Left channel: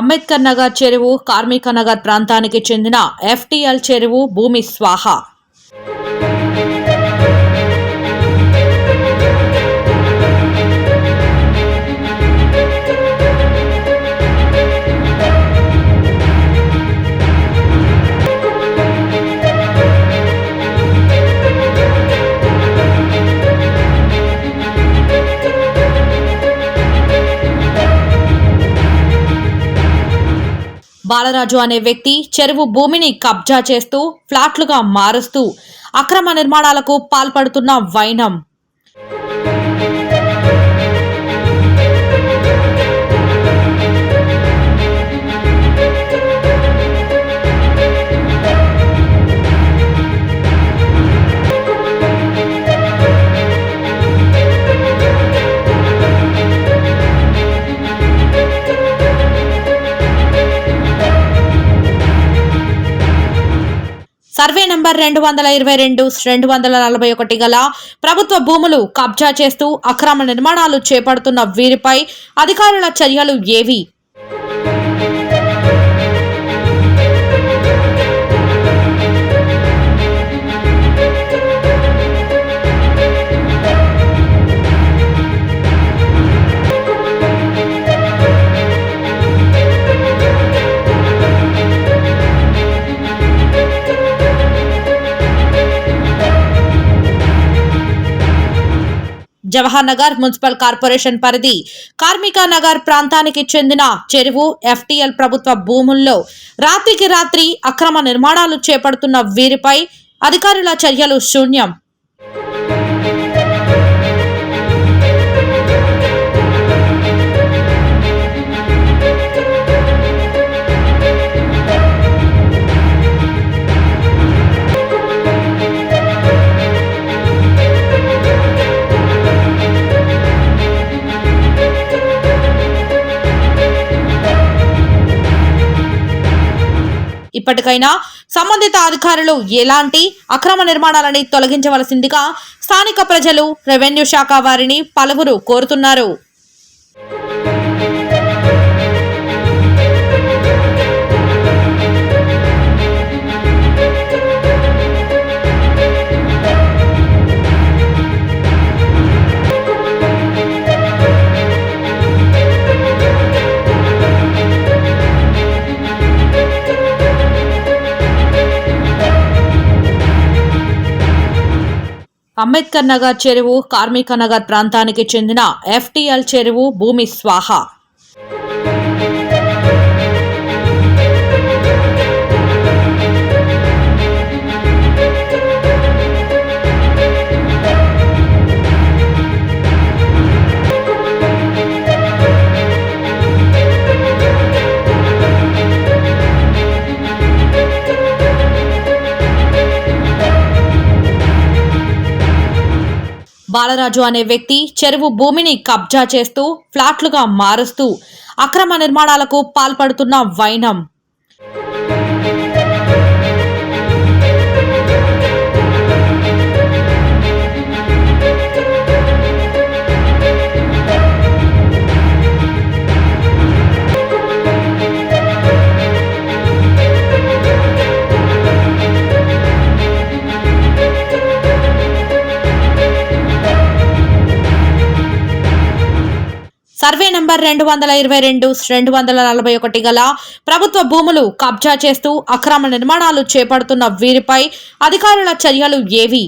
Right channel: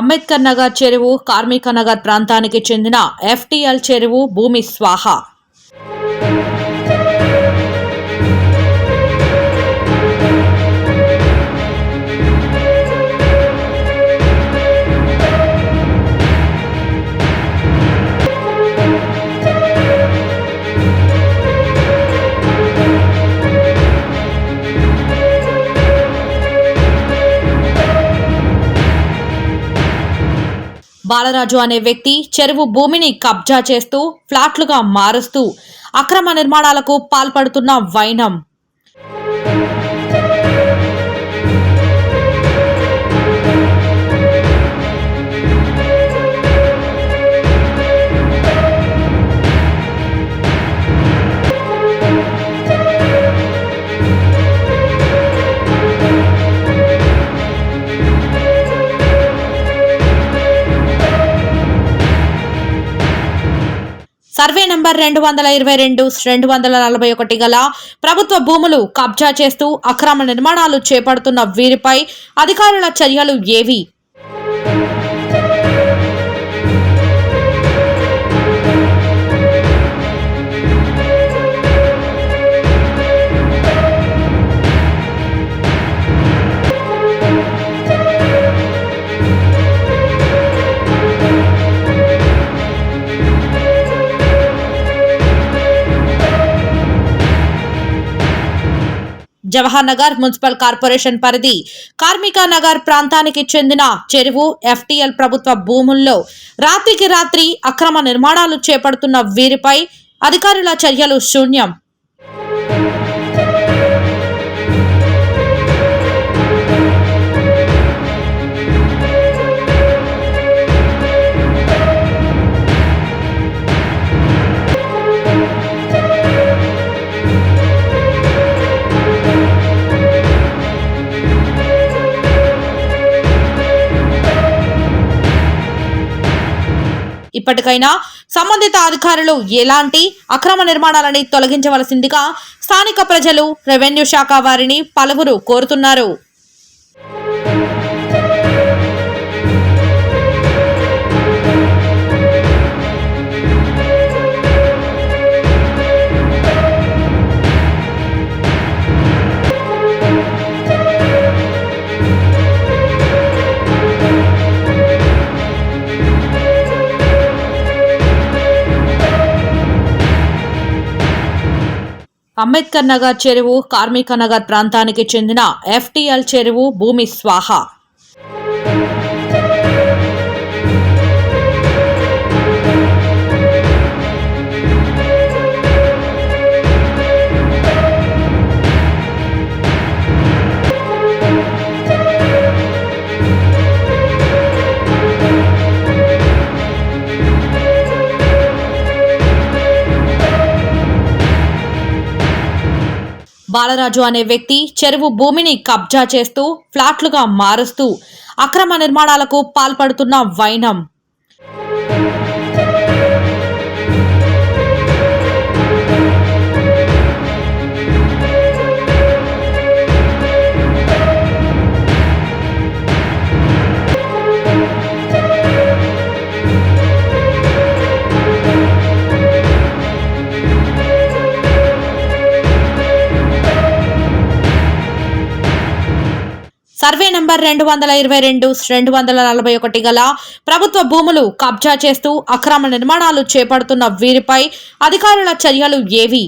అంబేద్కర్ నగర్ చెరువు కార్మిక నగర్ ప్రాంతానికి చెందిన ఎఫ్టీఎల్ చెరువు భూమి స్వాహ. బాలరాజు అనే వ్యక్తి చెరువు భూమిని కబ్జా చేస్తూ ఫ్లాట్లుగా మారుస్తూ అక్రమ నిర్మాణాలకు పాల్పడుతున్న వైనం. సర్వే నంబర్ రెండు వందల ఇరవై రెండు రెండు వందల నలభై ఒకటి గల ప్రభుత్వ భూములు కబ్జా చేస్తూ అక్రమ నిర్మాణాలు చేపడుతున్న వీరిపై అధికారుల చర్యలు ఏవి? జవహర్ నగర్ మున్సిపల్ కార్పొరేషన్ పరిధి కార్మిక నగర్ ప్రాంతానికి చెందిన చెరువు ఎఫ్టీఎల్ ప్రభుత్వ భూముల్లో రాత్రికి రాత్రి అక్రమ నిర్మాణాలు చేపడుతున్న వీరిపై అధికారుల చర్యలు శూన్యం. ఇప్పటికైనా సంబంధిత అధికారులు ఎలాంటి అక్రమ నిర్మాణాలని తొలగించవలసిందిగా స్థానిక ప్రజలు రెవెన్యూ శాఖ వారిని పలువురు కోరుతున్నారు. అంబేద్కర్ నగర్ చెరువు కార్మిక నగర్ ప్రాంతానికి చెందిన ఎఫ్టీఎల్ చెరువు భూమి స్వాహ. బాలరాజు అనే వ్యక్తి చెరువు భూమిని కబ్జా చేస్తూ ఫ్లాట్లుగా మారుస్తూ అక్రమ నిర్మాణాలకు పాల్పడుతున్న వైనం. సర్వే నంబర్ రెండు వందల ఇరవై రెండు రెండు వందల నలభై ఒకటి గల ప్రభుత్వ భూములు కబ్జా చేస్తూ అక్రమ నిర్మాణాలు చేపడుతున్న వీరిపై అధికారుల చర్యలు ఏవి?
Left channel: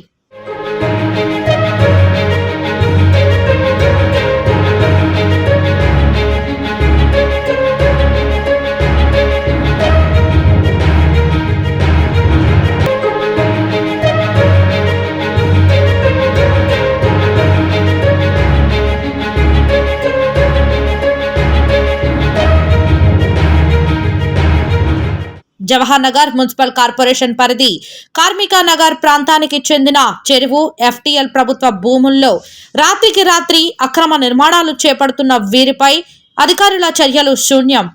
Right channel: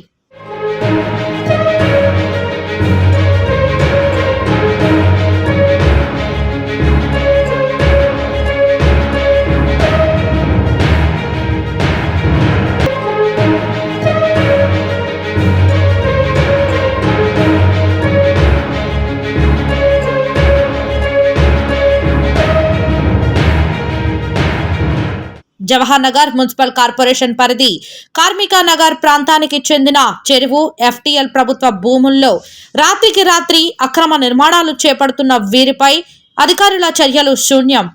జవహర్ నగర్ మున్సిపల్ కార్పొరేషన్ పరిధి కార్మిక నగర్ ప్రాంతానికి చెందిన చెరువు ఎఫ్టీఎల్ ప్రభుత్వ భూముల్లో రాత్రికి రాత్రి అక్రమ నిర్మాణాలు చేపడుతున్న వీరిపై అధికారుల చర్యలు శూన్యం.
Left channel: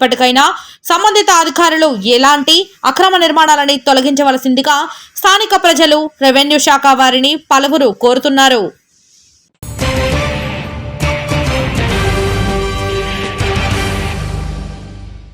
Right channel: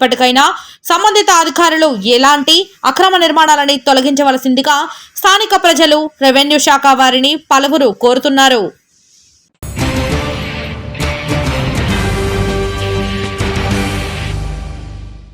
ఇప్పటికైనా సంబంధిత అధికారులు ఎలాంటి అక్రమ నిర్మాణాలని తొలగించవలసిందిగా స్థానిక ప్రజలు రెవెన్యూ శాఖ వారిని పలువురు కోరుతున్నారు.